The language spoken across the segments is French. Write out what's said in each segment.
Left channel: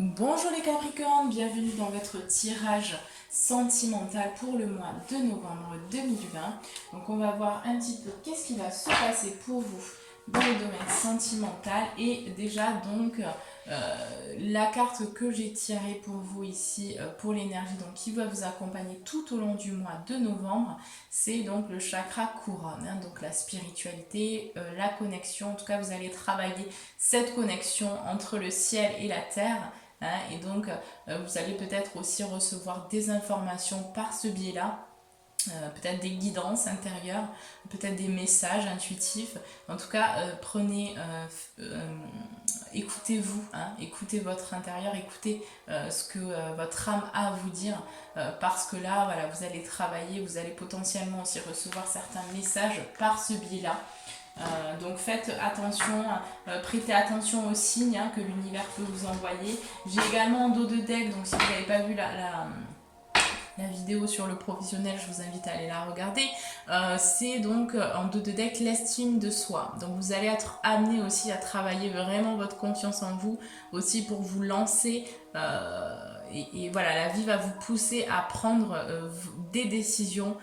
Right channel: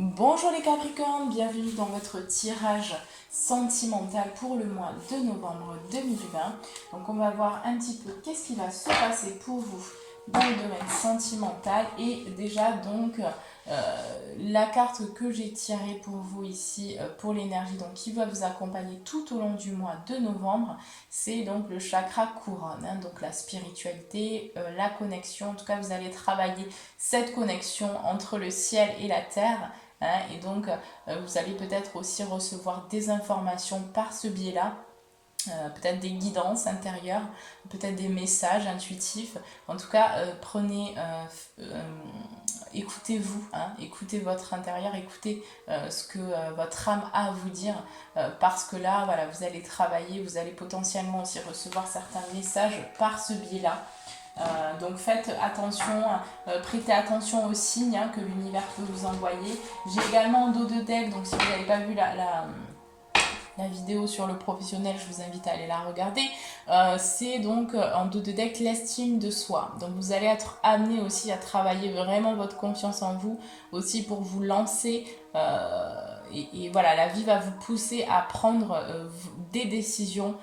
Bonjour les Capricornes, bienvenue dans votre tirage sentimental pour le mois de novembre 2020. Donc on va voir un petit peu qu'est-ce qui va se passer pour vous dans le domaine sentimental. Et déjà donc la carte que j'ai tirée pour vous ici pour l'énergie, donc qui va vous accompagner tout au long du mois de novembre, c'est donc le chakra couronne, donc la spiritualité, la connexion. En tout cas vous allez travailler cette connexion entre le ciel et la terre. Et donc, vous allez peut-être aussi recevoir des informations par ce biais-là, peut-être des guidances intérieures, peut-être des messages intuitifs. En tout cas, écoutez-vous, écoutez votre intérieur, écoutez ce que votre âme a à vous dire, parce que là, voilà, vous allez travailler, vous allez potentiellement aussi recevoir certains messages par ce biais-là. Donc faites attention, prêtez attention aux signes que l'univers peut vous envoyer. J'ai également en dos de deck, donc si vous n'avez pas vu la vidéo sur le professionnel, je vous invite à aller la regarder. C'est donc en dos de deck l'estime de soi. Donc vous allez être amené aussi à travailler vraiment votre confiance en vous, aussi pour vous lancer. Et voilà, la vie va vous pousser à prendre des décisions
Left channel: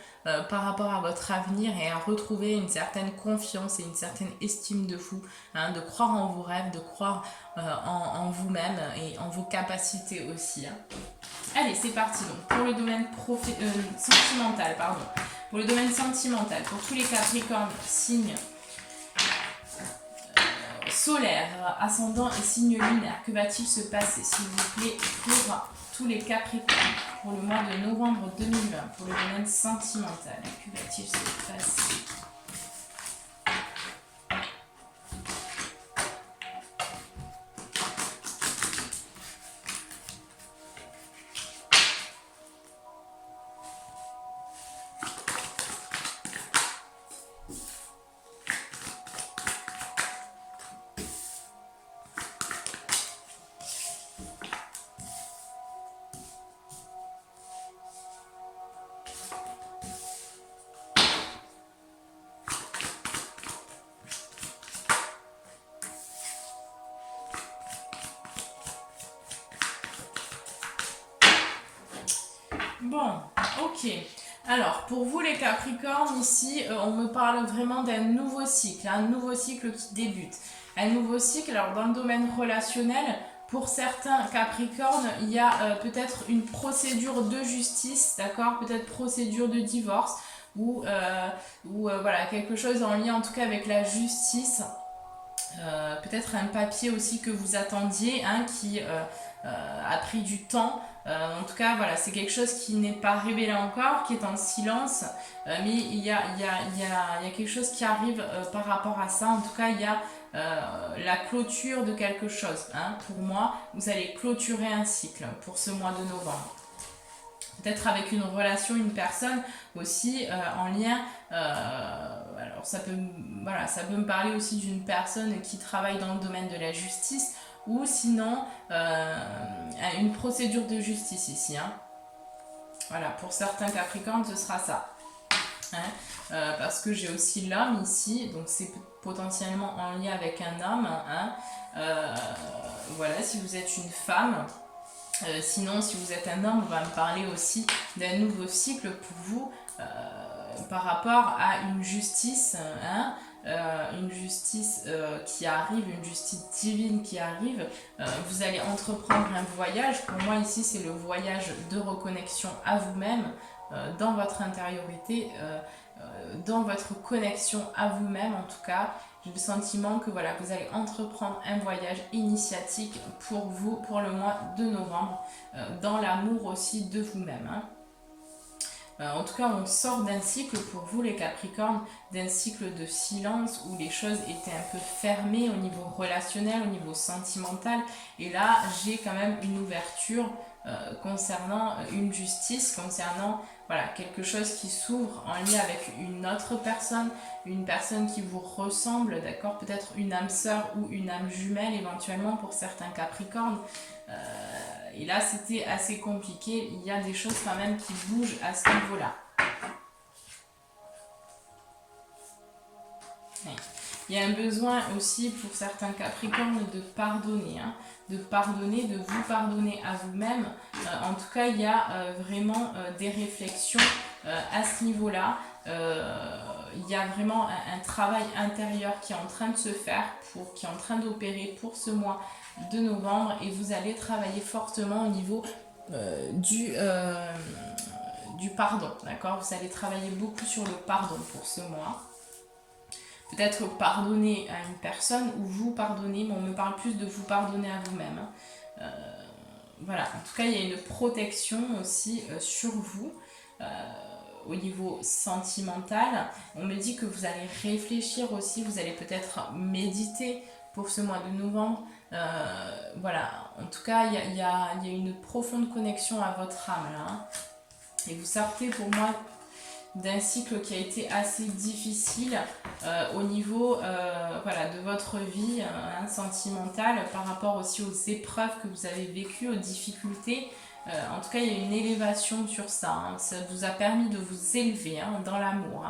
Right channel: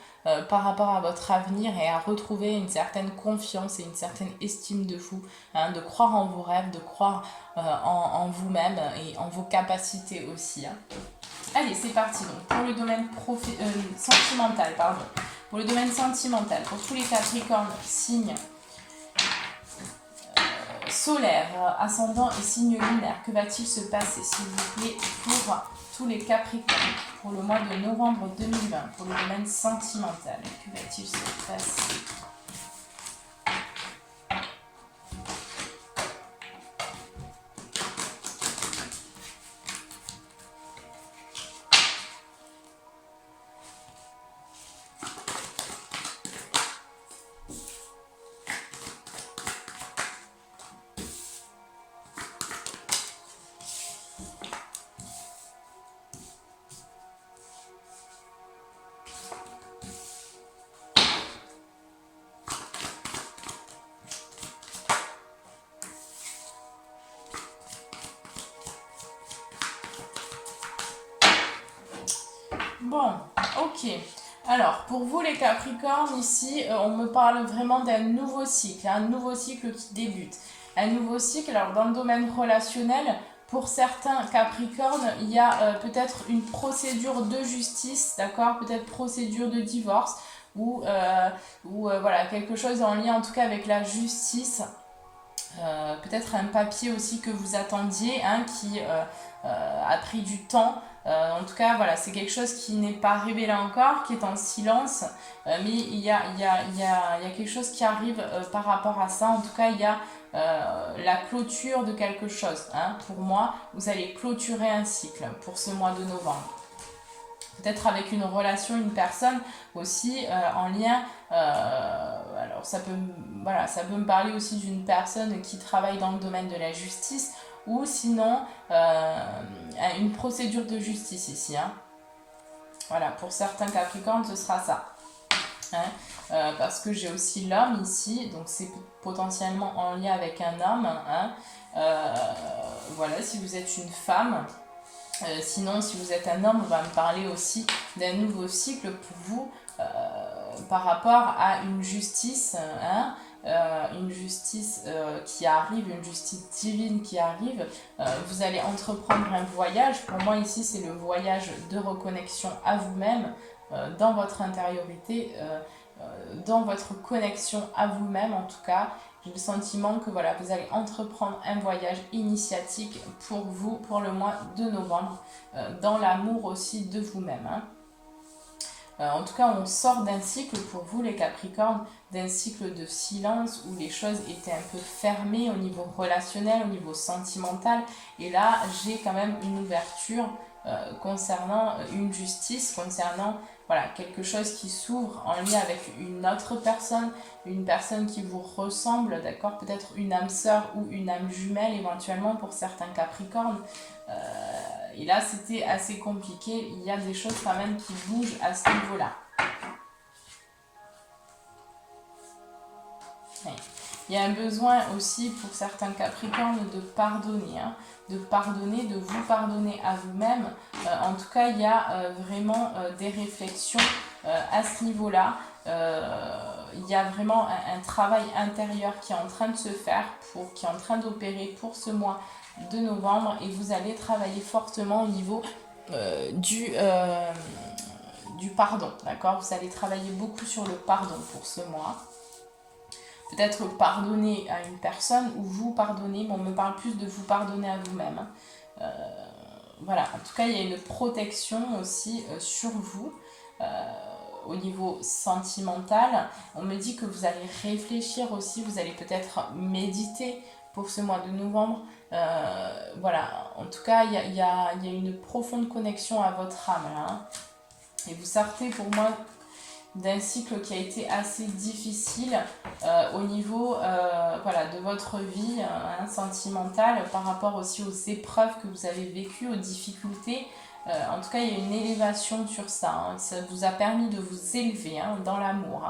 par rapport à votre avenir et à retrouver une certaine confiance et une certaine estime de vous, de croire en vos rêves, de croire en vous-même et en vos capacités aussi. Allez, c'est parti donc pour le domaine sentimental, pardon. Pour le domaine sentimental, pour tous les Capricornes, signes solaire, ascendant et signe lunaire. Que va-t-il se passer, s'il vous plaît, pour tous les Capricornes pour le mois de novembre 2020, pour le domaine sentimental? Que va-t-il se passer? Bon, ok. Alors, pour vous les Capricornes, ici, on me parle vraiment d'un nouveau cycle, un nouveau cycle qui débute. Un nouveau cycle, alors dans le domaine relationnel, pour certains Capricornes, il y a peut-être une procédure de justice, d'accord? Peut-être procédure de divorce, ou voilà, quelque chose en lien en tout cas avec la justice. Peut-être un papier aussi que vous attendiez, qui a pris du temps. En tout cas, voilà, c'est quelque chose qui n'est pas révélé encore, qui est en silence, mais il y a quelque chose qui arrive par rapport à ça. En tout cas, il y a la clôture de quelque chose. Pour moi, vous allez clôturer un cycle pour ce mois de novembre. Peut-être avec une relation, une personne aussi en lien. Alors ça peut me parler aussi d'une personne qui travaille dans le domaine de la justice, ou sinon une procédure de justice ici. Voilà, pour certains Capricornes, ce sera ça. Parce que j'ai aussi l'homme ici, donc c'est potentiellement en lien avec un homme. Voilà, si vous êtes une femme. Sinon, si vous êtes un homme, on va me parler aussi d'un nouveau cycle pour vous par rapport à une justice, une justice qui arrive, une justice divine qui arrive. Vous allez entreprendre un voyage. Pour moi, ici, c'est le voyage de reconnexion à vous-même, dans votre intériorité, dans votre connexion à vous-même en tout cas. J'ai le sentiment que voilà, vous allez entreprendre un voyage initiatique pour vous, pour le mois de novembre, dans l'amour aussi de vous-même. En tout cas, on sort d'un cycle pour vous les Capricornes, d'un cycle de silence où les choses étaient un peu fermées au niveau relationnel, au niveau sentimental. Et là, j'ai quand même une ouverture concernant une justice, concernant voilà, quelque chose qui s'ouvre en lien avec une autre personne, une personne qui vous ressemble, d'accord? Peut-être une âme sœur ou une âme jumelle éventuellement pour certains Capricornes. Et là, c'était assez compliqué. Il y a des choses quand même qui bougent à ce niveau-là. Oui. Il y a un besoin aussi pour certains Capricornes de pardonner, hein, de pardonner, de vous pardonner à vous-même. En tout cas, il y a vraiment des réflexions à ce niveau-là. Il y a vraiment un travail intérieur qui est en train de se faire, qui est en train d'opérer pour ce mois de novembre, et vous allez travailler fortement au niveau du pardon, d'accord? Vous allez travailler beaucoup sur le pardon pour ce mois. Peut-être pardonner à une personne ou vous pardonner, mais on me parle plus de vous pardonner à vous-même. Voilà, en tout cas, il y a une protection aussi sur vous au niveau sentimental. On me dit que vous allez réfléchir aussi, vous allez peut-être méditer pour ce mois de novembre. Voilà, en tout cas, il y a une profonde connexion à votre âme là. Hein. Et vous sortez pour moi d'un cycle qui a été assez difficile au niveau voilà, de votre vie sentimentale, par rapport aussi aux épreuves que vous avez vécues, aux difficultés. En tout cas, il y a une élévation sur ça. Hein. Ça vous a permis de vous élever dans l'amour,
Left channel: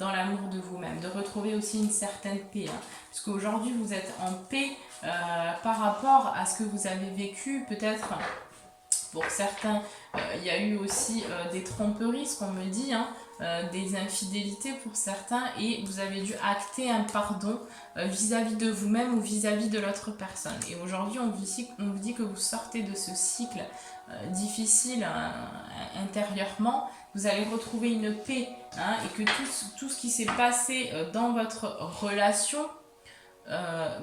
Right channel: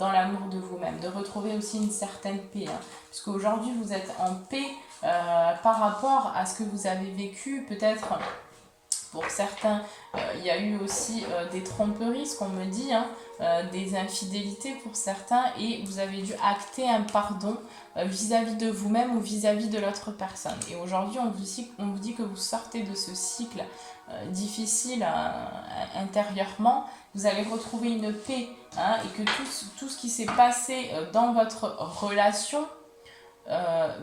dans l'amour de vous-même, de retrouver aussi une certaine paix. Parce qu'aujourd'hui, vous êtes en paix par rapport à ce que vous avez vécu, peut-être. Pour certains, il y a eu aussi des tromperies, ce qu'on me dit, des infidélités pour certains, et vous avez dû acter un pardon vis-à-vis de vous-même ou vis-à-vis de l'autre personne. Et aujourd'hui, on vous dit que vous sortez de ce cycle difficile intérieurement, vous allez retrouver une paix, et que tout ce qui s'est passé dans votre relation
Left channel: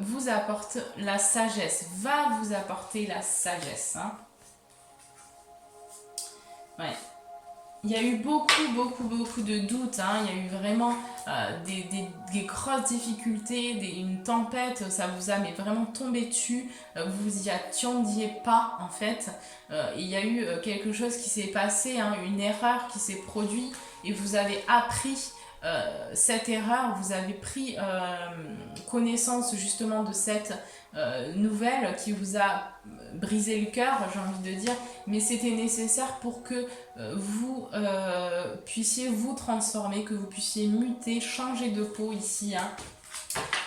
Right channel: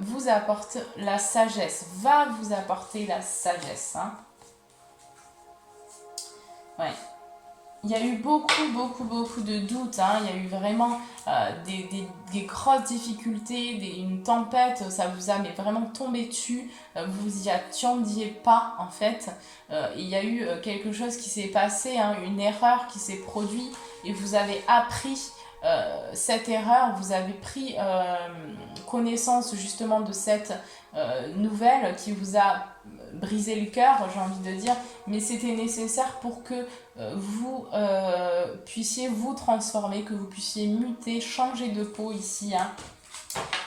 vous apporte la sagesse, va vous apporter la sagesse. Ouais. Il y a eu beaucoup de doutes. Hein. Il y a eu vraiment des grosses difficultés, une tempête. Ça vous a mais vraiment tombé dessus. Vous y attendiez pas en fait. Il y a eu quelque chose qui s'est passé, une erreur qui s'est produite, et vous avez appris cette erreur. Vous avez pris connaissance justement de cette nouvelle qui vous a brisé le cœur, j'ai envie de dire, mais c'était nécessaire pour que vous puissiez vous transformer, que vous puissiez muter, changer de peau ici,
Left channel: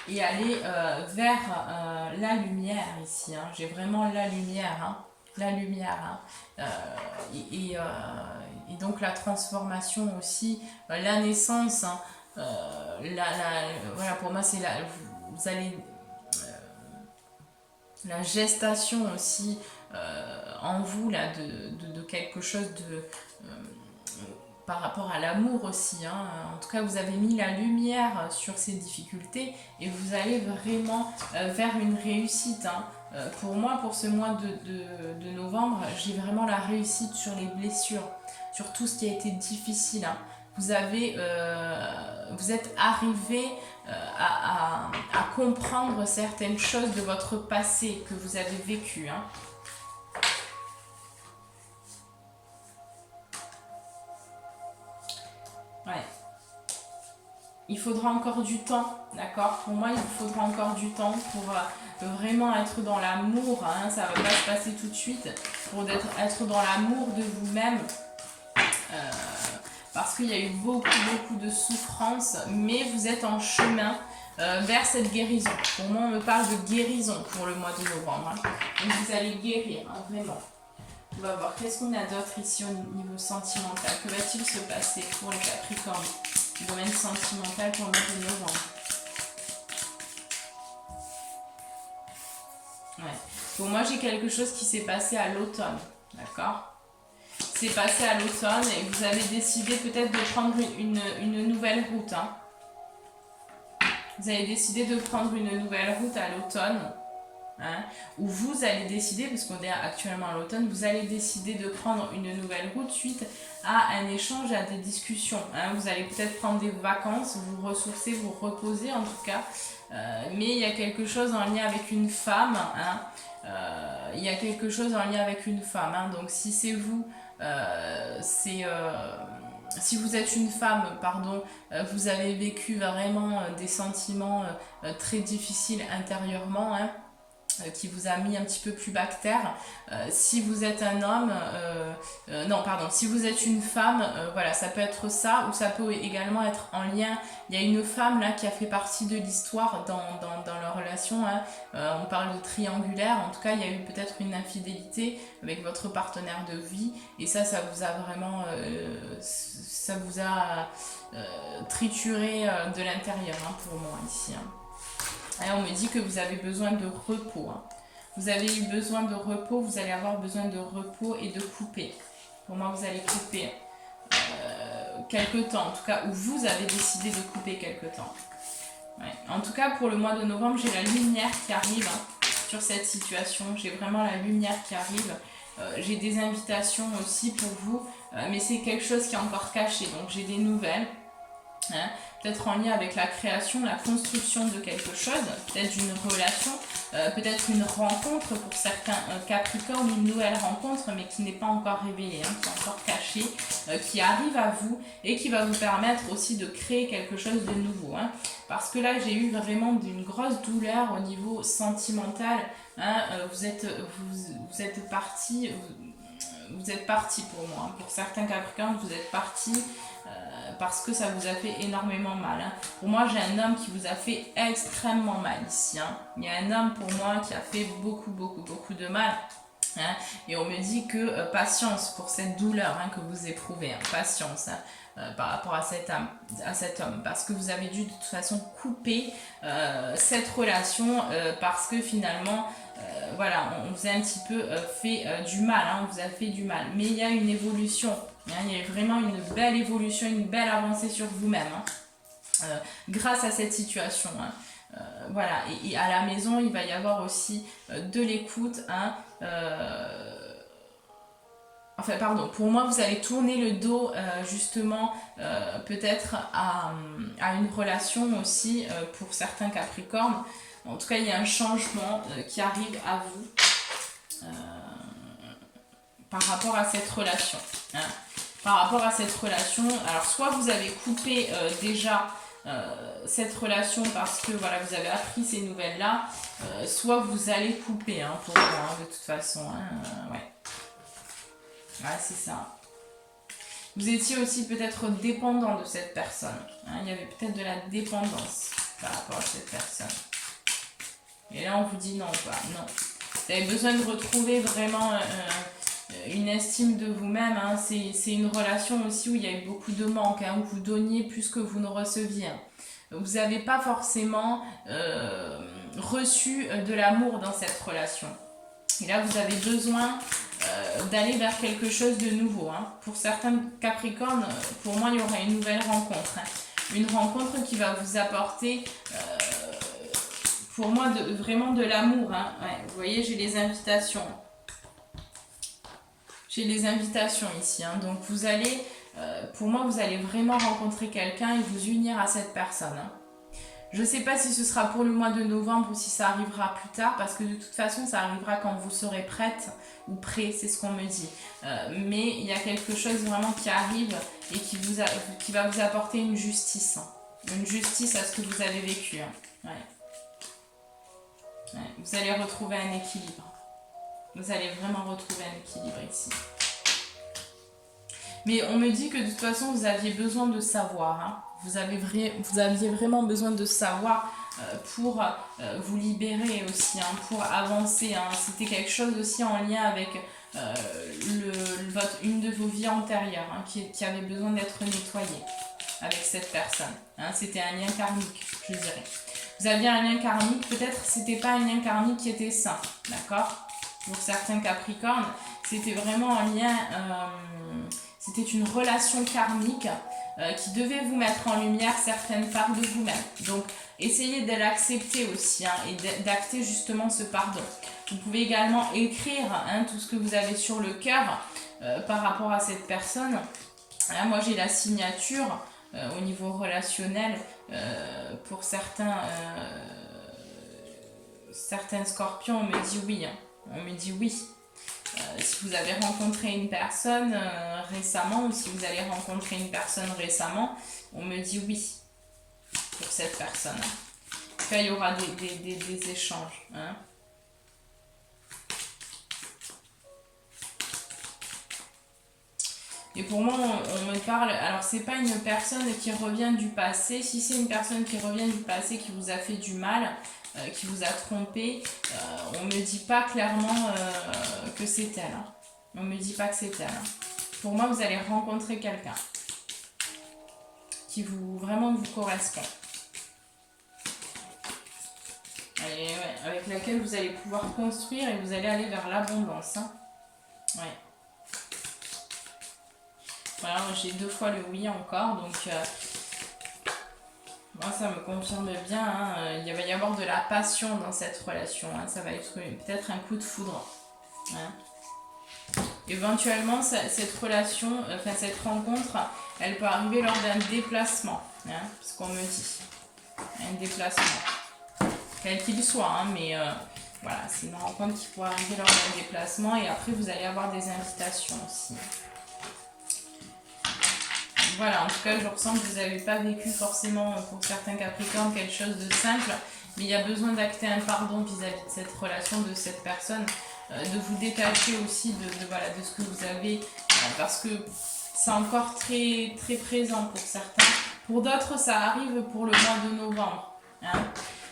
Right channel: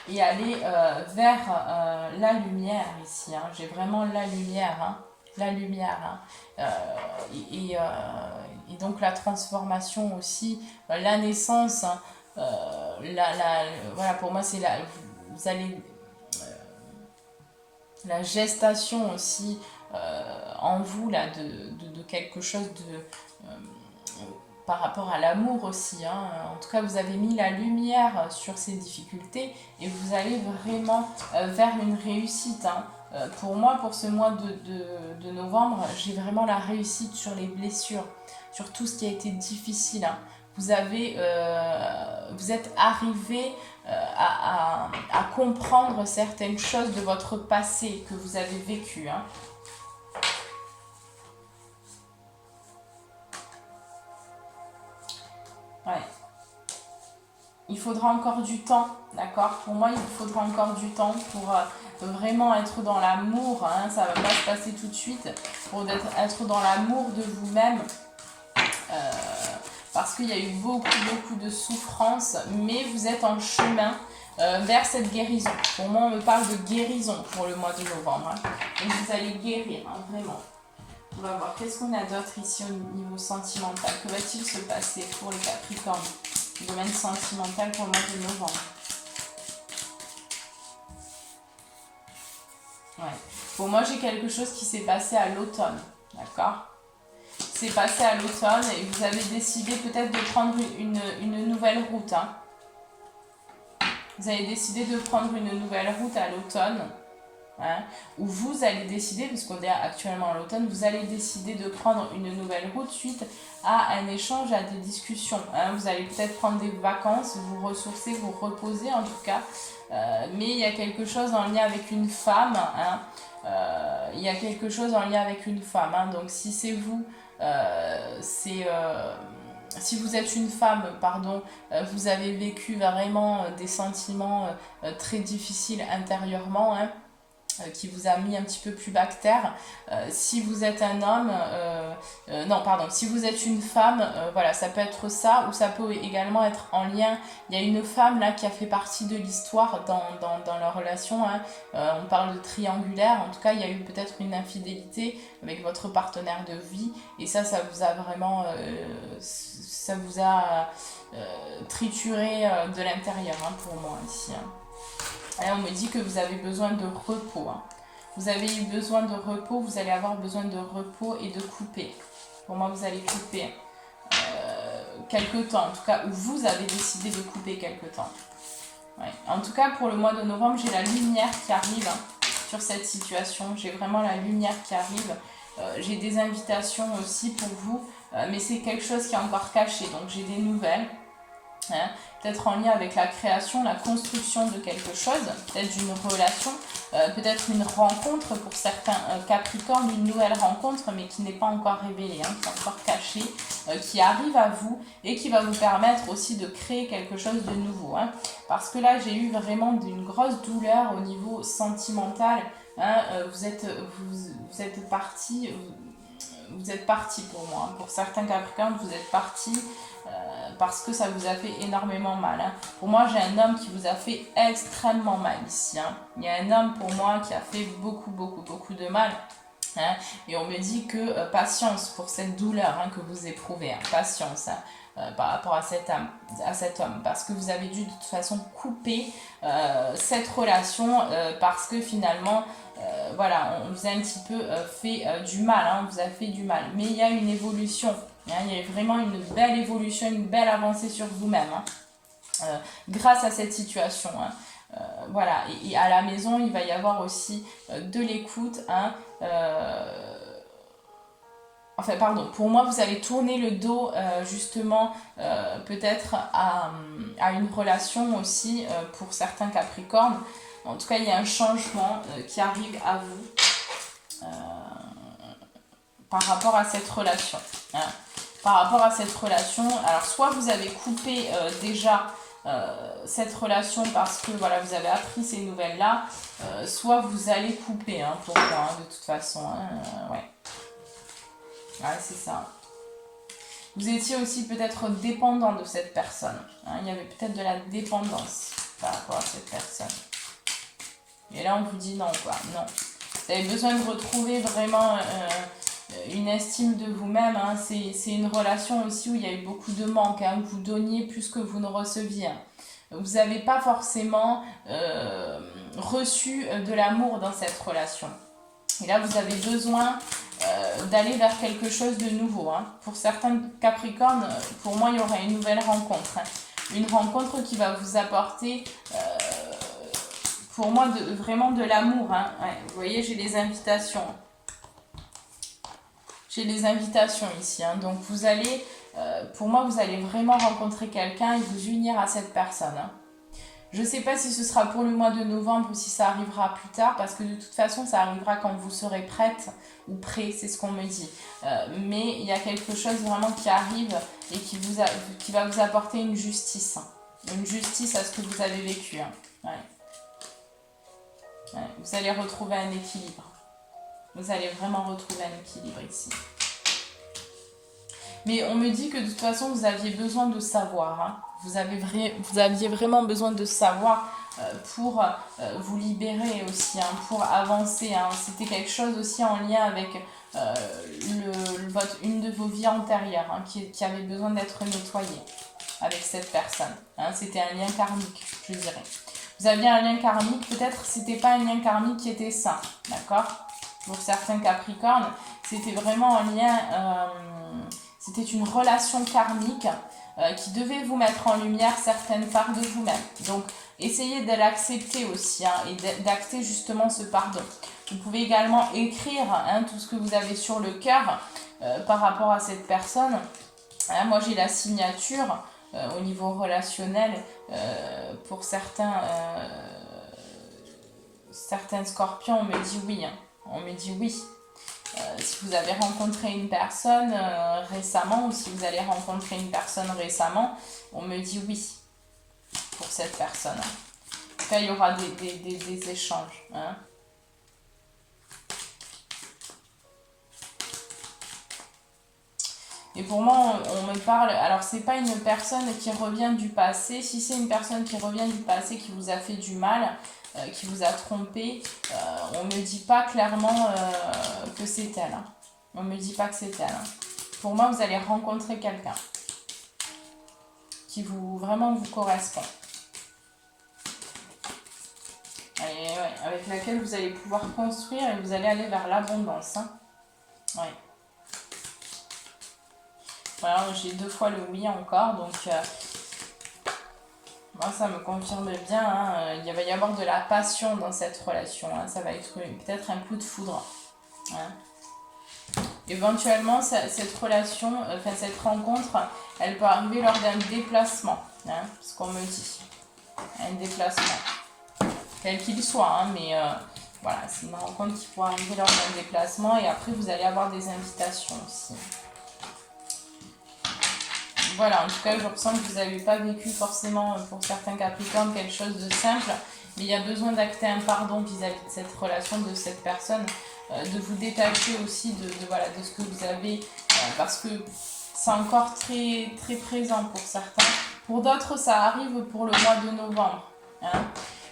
et aller vers la lumière ici. J'ai vraiment la lumière, et donc la transformation aussi, la naissance, voilà, pour moi c'est vous allez la gestation aussi en vous là de quelque chose par rapport à l'amour aussi. En tout cas, vous avez mis la lumière sur ces difficultés et vous allez vraiment vers une réussite. Pour moi, pour ce mois de novembre, j'ai vraiment la réussite sur les blessures, sur tout ce qui a été difficile. Vous êtes arrivé à comprendre certaines choses de votre passé que vous avez vécu. Ouais. Il faudra encore du temps, d'accord? Pour moi, il faudra encore du temps pour vraiment être dans l'amour. Ça va pas se passer tout de suite. Pour être dans l'amour de vous-même. Parce qu'il y a eu beaucoup de souffrance, mais vous êtes en chemin vers cette guérison. Pour moi, on me parle de guérison pour le mois de novembre. Donc vous allez guérir, vraiment. On va voir, qu'est-ce qu'on a d'autre ici au niveau sentimental? Que va-t-il se passer pour les Capricornes? Le domaine sentimental pour le mois de novembre. Ouais. Pour moi, j'ai quelque chose qui s'est passé à l'automne, d'accord? C'est passé à l'automne et vous avez décidé peut-être de prendre une nouvelle route. Vous avez décidé de prendre une nouvelle route à l'automne. Où vous allez décider, parce qu'on est actuellement à l'automne, vous allez décider de prendre une nouvelle route suite à un échange, à des discussions. Vous allez peut-être prendre des vacances, vous ressourcer, vous reposer en tout cas. Mais il y a quelque chose en lien avec une femme. Il y a quelque chose en lien avec une femme. Donc si c'est vous... si vous êtes une femme, pardon, vous avez vécu vraiment des sentiments très difficiles intérieurement. qui vous a mis un petit peu plus bactère. Si vous êtes un homme, non pardon, si vous êtes une femme, voilà, ça peut être ça, ou ça peut également être en lien. Il y a une femme là qui a fait partie de l'histoire dans leur relation, hein. On parle de triangulaire, en tout cas il y a eu peut-être une infidélité avec votre partenaire de vie, et ça vous a vraiment, ça vous a trituré de l'intérieur, hein, pour moi ici, hein. Et on me dit que vous avez besoin de repos, hein. Vous avez eu besoin de repos, vous allez avoir besoin de repos et de couper. Pour moi, vous allez couper quelque temps, en tout cas, ou vous avez décidé de couper quelque temps. Ouais. En tout cas, pour le mois de novembre, j'ai la lumière qui arrive, hein, sur cette situation. J'ai vraiment la lumière qui arrive. J'ai des invitations aussi pour vous, mais c'est quelque chose qui est encore caché. Donc, j'ai des nouvelles. Hein, peut-être en lien avec la création, la construction de quelque chose, peut-être d'une relation, peut-être une rencontre pour certains Capricornes, une nouvelle rencontre mais qui n'est pas encore révélée, hein, qui est encore cachée, qui arrive à vous et qui va vous permettre aussi de créer quelque chose de nouveau, hein, parce que là j'ai eu vraiment une grosse douleur au niveau sentimental, hein, vous êtes parti, vous êtes parti pour moi, hein. Pour certains Capricornes, vous êtes parti parce que ça vous a fait énormément mal, hein. Pour moi, j'ai un homme qui vous a fait extrêmement mal ici, hein. Il y a un homme pour moi qui a fait beaucoup de mal, hein. Et on me dit que patience pour cette douleur, hein, que vous éprouvez, hein. Patience, hein, par rapport à cet homme, parce que vous avez dû de toute façon couper cette relation, parce que finalement voilà, on vous a un petit peu fait du mal, hein, on vous a fait du mal, mais il y a une évolution, hein, il y a vraiment une belle évolution, une belle avancée sur vous-même, hein, grâce à cette situation, hein. Voilà, et à la maison il va y avoir aussi de l'écoute, hein, enfin pardon, pour moi vous allez tourner le dos justement peut-être à une relation aussi, pour certains Capricornes. En tout cas, il y a un changement qui arrive à vous par rapport à cette relation, hein. Par rapport à cette relation, alors soit vous avez coupé déjà cette relation parce que voilà, vous avez appris ces nouvelles-là, soit vous allez couper, hein, pour moi, hein, de toute façon, hein, ouais. Ouais, c'est ça. Vous étiez aussi peut-être dépendant de cette personne, hein. Il y avait peut-être de la dépendance par rapport à cette personne. Et là, on vous dit non, quoi. Non. Vous avez besoin de retrouver vraiment une estime de vous-même, hein. C'est une relation aussi où il y a eu beaucoup de manques, hein, où vous donniez plus que vous ne receviez. Vous n'avez pas forcément reçu de l'amour dans cette relation. Et là, vous avez besoin d'aller vers quelque chose de nouveau, hein. Pour certains Capricornes, pour moi, il y aura une nouvelle rencontre, hein. Une rencontre qui va vous apporter... pour moi, vraiment de l'amour, hein. Ouais, vous voyez, j'ai les invitations. J'ai les invitations ici, hein. Donc, vous allez, pour moi, vous allez vraiment rencontrer quelqu'un et vous unir à cette personne, hein. Je ne sais pas si ce sera pour le mois de novembre ou si ça arrivera plus tard, parce que de toute façon, ça arrivera quand vous serez prête ou prêt, c'est ce qu'on me dit. Mais il y a quelque chose vraiment qui arrive et qui va vous apporter une justice, hein. Une justice à ce que vous avez vécu, hein. Ouais. Ouais, vous allez retrouver un équilibre. Vous allez vraiment retrouver un équilibre ici. Mais on me dit que de toute façon, vous aviez besoin de savoir, hein. Vous aviez vraiment besoin de savoir pour vous libérer aussi, hein, pour avancer, hein. C'était quelque chose aussi en lien avec une de vos vies antérieures, hein, qui avait besoin d'être nettoyée avec cette personne, hein. C'était un lien karmique, je dirais. Vous aviez un lien karmique, peut-être c'était pas un lien karmique qui était sain, d'accord? Pour certains Capricornes, c'était vraiment un lien, c'était une relation karmique qui devait vous mettre en lumière certaines parts de vous-même. Donc, essayez de l'accepter aussi, hein, et d'acter justement ce pardon. Vous pouvez également écrire, hein, tout ce que vous avez sur le cœur par rapport à cette personne. Moi, j'ai la signature au niveau relationnel pour certains scorpions, on me dit oui, hein. On me dit oui. Si vous avez rencontré une personne récemment, ou si vous allez rencontrer une personne récemment, on me dit oui pour cette personne. En tout cas, il y aura des échanges, hein. Et pour moi, on me parle... Alors, c'est pas une personne qui revient du passé. Si c'est une personne qui revient du passé, qui vous a fait du mal, qui vous a trompé, on me dit pas clairement que c'est elle. Hein. On me dit pas que c'est elle. Hein. Pour moi, vous allez rencontrer quelqu'un qui vous vraiment vous correspond. Et ouais, avec laquelle vous allez pouvoir construire et vous allez aller vers l'abondance. Hein. Ouais. Voilà, j'ai 2 fois le oui encore, donc moi ça me confirme bien. Hein, il va y avoir de la passion dans cette relation. Hein, ça va être peut-être un coup de foudre. Hein. Éventuellement, cette relation, enfin cette rencontre, elle peut arriver lors d'un déplacement. Hein, ce qu'on me dit. Un déplacement. Quel qu'il soit, hein, mais voilà, c'est une rencontre qui pourrait arriver lors d'un déplacement et après vous allez avoir des invitations aussi. Voilà, en tout cas, je ressens que vous n'avez pas vécu forcément pour certains Capricornes quelque chose de simple, mais il y a besoin d'acter un pardon vis-à-vis de cette relation, de cette personne, de vous détacher aussi voilà, de ce que vous avez, parce que c'est encore très, très présent pour certains. Pour d'autres, ça arrive pour le mois de novembre. Hein.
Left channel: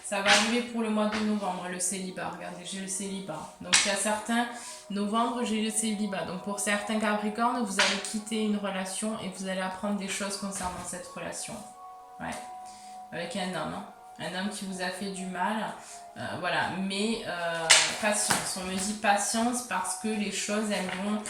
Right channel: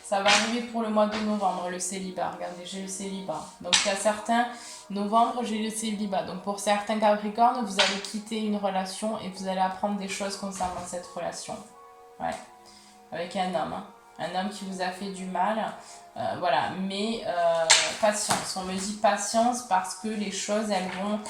Ça va arriver pour le mois de novembre, le célibat. Regardez, j'ai le célibat. Donc, il y a certains... Novembre, j'ai le célibat. Donc, pour certains Capricornes, vous allez quitter une relation et vous allez apprendre des choses concernant cette relation. Ouais. Avec un homme. Hein. Un homme qui vous a fait du mal. Voilà. Mais patience. On me dit patience parce que les choses, elles vont...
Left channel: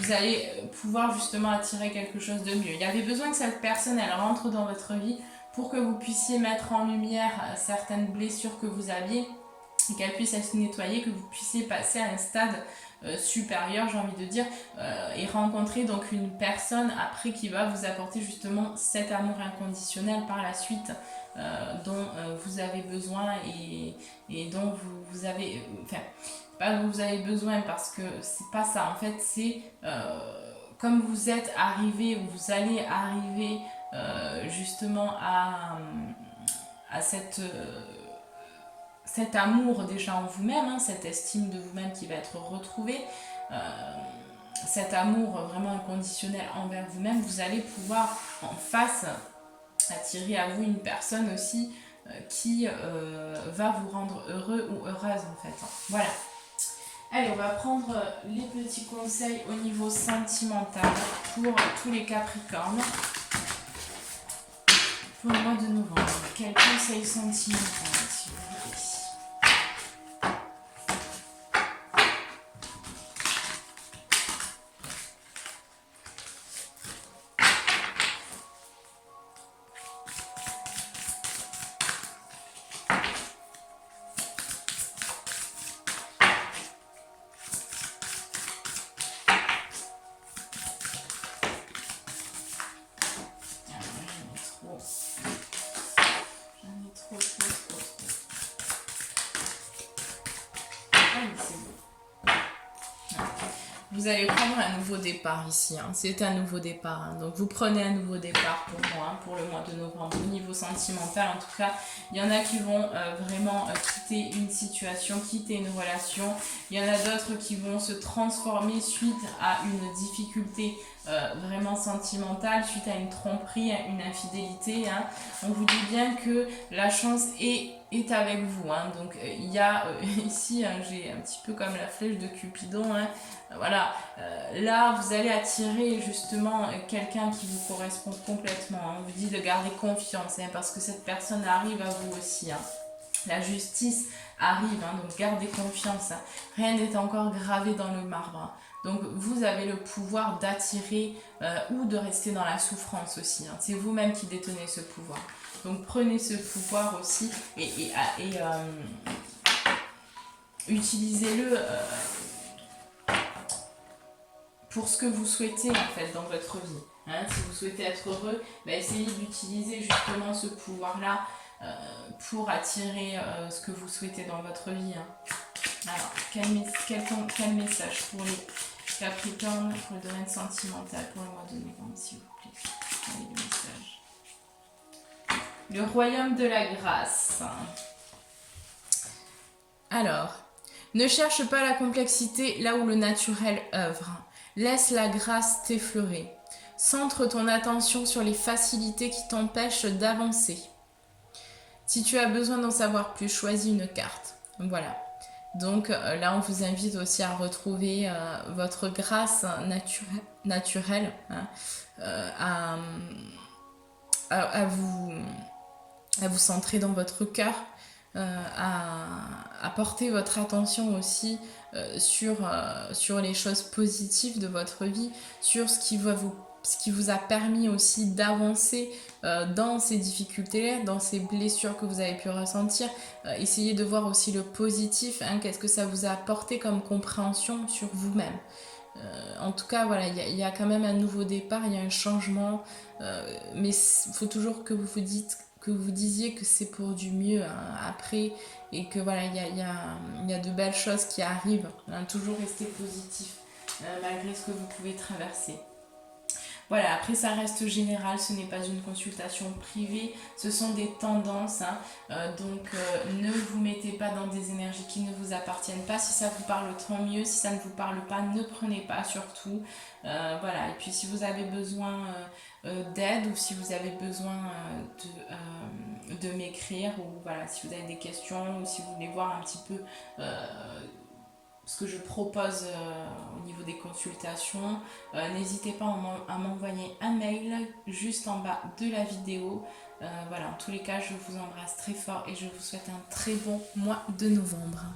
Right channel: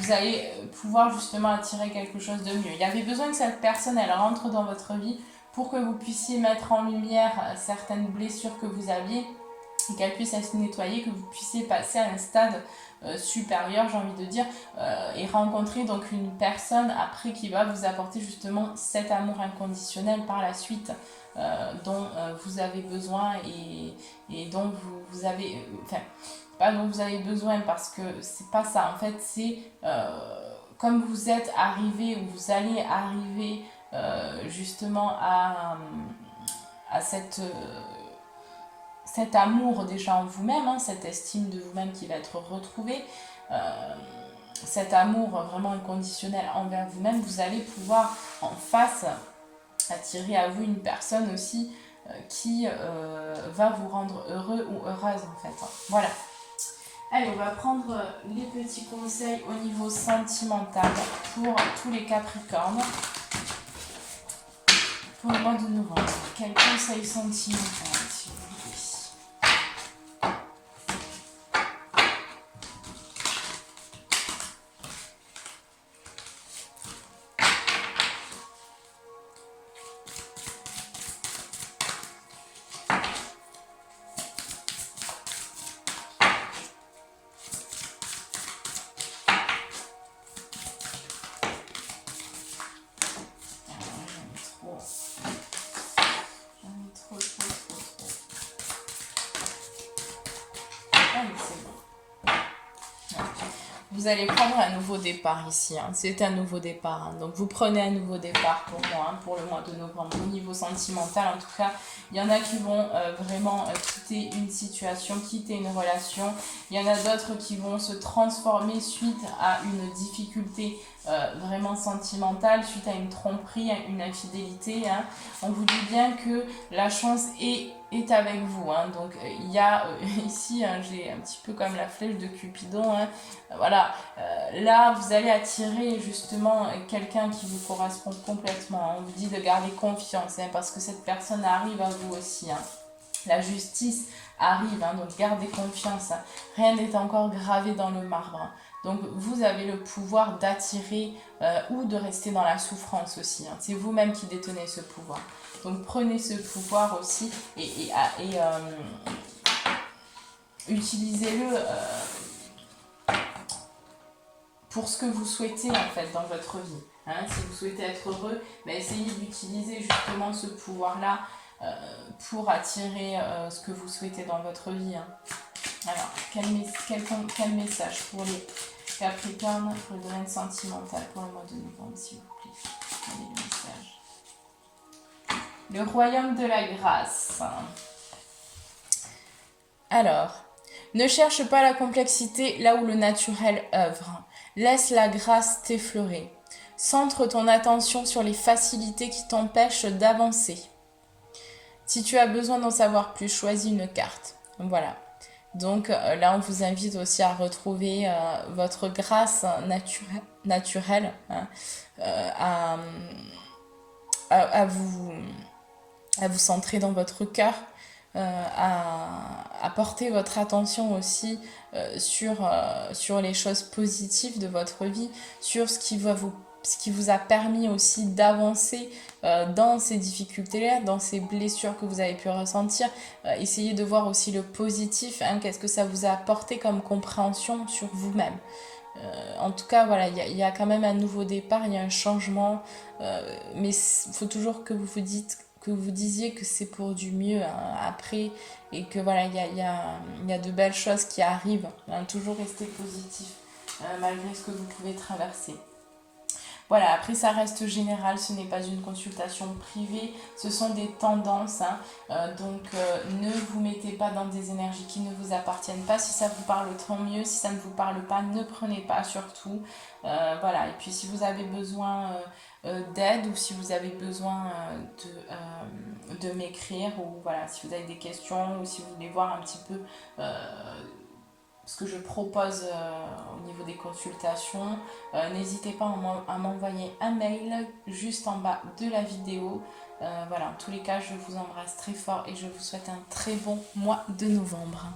vous allez pouvoir justement attirer quelque chose de mieux. Il y avait besoin que cette personne, elle rentre dans votre vie pour que vous puissiez mettre en lumière certaines blessures que vous aviez et qu'elle puisse être nettoyée, que vous puissiez passer à un stade supérieur, j'ai envie de dire, et rencontrer donc une personne après qui va vous apporter justement cet amour inconditionnel par la suite dont vous avez besoin et dont vous avez... Enfin, pas dont vous avez besoin parce que c'est pas ça. En fait, c'est comme vous êtes arrivé ou vous allez arriver justement à cet amour déjà en vous-même, hein, cette estime de vous-même qui va être retrouvée, cet amour vraiment inconditionnel envers vous-même, vous allez pouvoir en face attirer à vous une personne aussi qui va vous rendre heureux ou heureuse en fait. Voilà. Allez, on va prendre les petits conseils au niveau sentimental pour tous les Capricornes. Pour le mois de novembre, quels conseils sentimentaux s'il vous plaît? Vous allez prendre un nouveau départ ici, hein. C'est un nouveau départ, hein. Donc vous prenez un nouveau départ pour moi, hein, pour le mois de novembre. Au niveau sentimental, en tout cas, il y en a qui vont vraiment quitter une situation, quitter une relation. Il y en a d'autres qui vont se transformer suite à une difficulté vraiment sentimentale, suite à une tromperie, à une infidélité. Hein. On vous dit bien que la chance est avec vous. Hein. Donc il y a ici, hein, j'ai un petit peu comme la flèche de Cupidon. Hein. Voilà, là vous allez attirer justement quelqu'un qui vous correspond complètement. Hein. On vous dit de garder confiance hein, parce que cette personne arrive à vous aussi. Hein. La justice arrive, hein, donc gardez confiance. Hein. Rien n'est encore gravé dans le marbre. Hein. Donc vous avez le pouvoir d'attirer ou de rester dans la souffrance aussi. Hein. C'est vous-même qui détenez ce pouvoir. Donc prenez ce pouvoir aussi et utilisez-le pour ce que vous souhaitez en fait dans votre vie. Hein. Si vous souhaitez être heureux, essayez d'utiliser justement ce pouvoir-là pour attirer ce que vous souhaitez dans votre vie. Hein. Alors, quel message pour les Capricornes, pour le domaine sentimental, pour le mois de novembre, s'il vous plaît. Allez, le message. Le royaume de la grâce. Alors, ne cherche pas la complexité là où le naturel œuvre. Laisse la grâce t'effleurer. Centre ton attention sur les facilités qui t'empêchent d'avancer. Si tu as besoin d'en savoir plus, choisis une carte. Voilà. Donc là, on vous invite aussi à retrouver votre grâce naturelle, hein, à, à vous centrer dans votre cœur, à porter votre attention aussi sur les choses positives de votre vie, sur ce qui vous a permis aussi d'avancer dans ces difficultés-là, dans ces blessures que vous avez pu ressentir. Essayez de voir aussi le positif, hein, qu'est-ce que ça vous a apporté comme compréhension sur vous-même. En tout cas, voilà, il y a quand même un nouveau départ, il y a un changement, mais il faut toujours que vous disiez que c'est pour du mieux, hein, après, et que voilà, il y a de belles choses qui arrivent, hein. Toujours rester positif malgré ce que vous pouvez traverser. Voilà, après ça reste général, ce n'est pas une consultation privée, ce sont des tendances, hein. Donc ne vous mettez pas dans des énergies qui ne vous appartiennent pas. Si ça vous parle, tant mieux. Si ça ne vous parle pas, ne prenez pas surtout. Voilà, et puis si vous avez besoin d'aide ou si vous avez besoin de m'écrire, ou voilà, si vous avez des questions ou si vous voulez voir un petit peu ce que je propose au niveau des consultations, n'hésitez pas à m'envoyer un mail juste en bas de la vidéo. Voilà, en tous les cas, je vous embrasse très fort et je vous souhaite un très bon mois de novembre.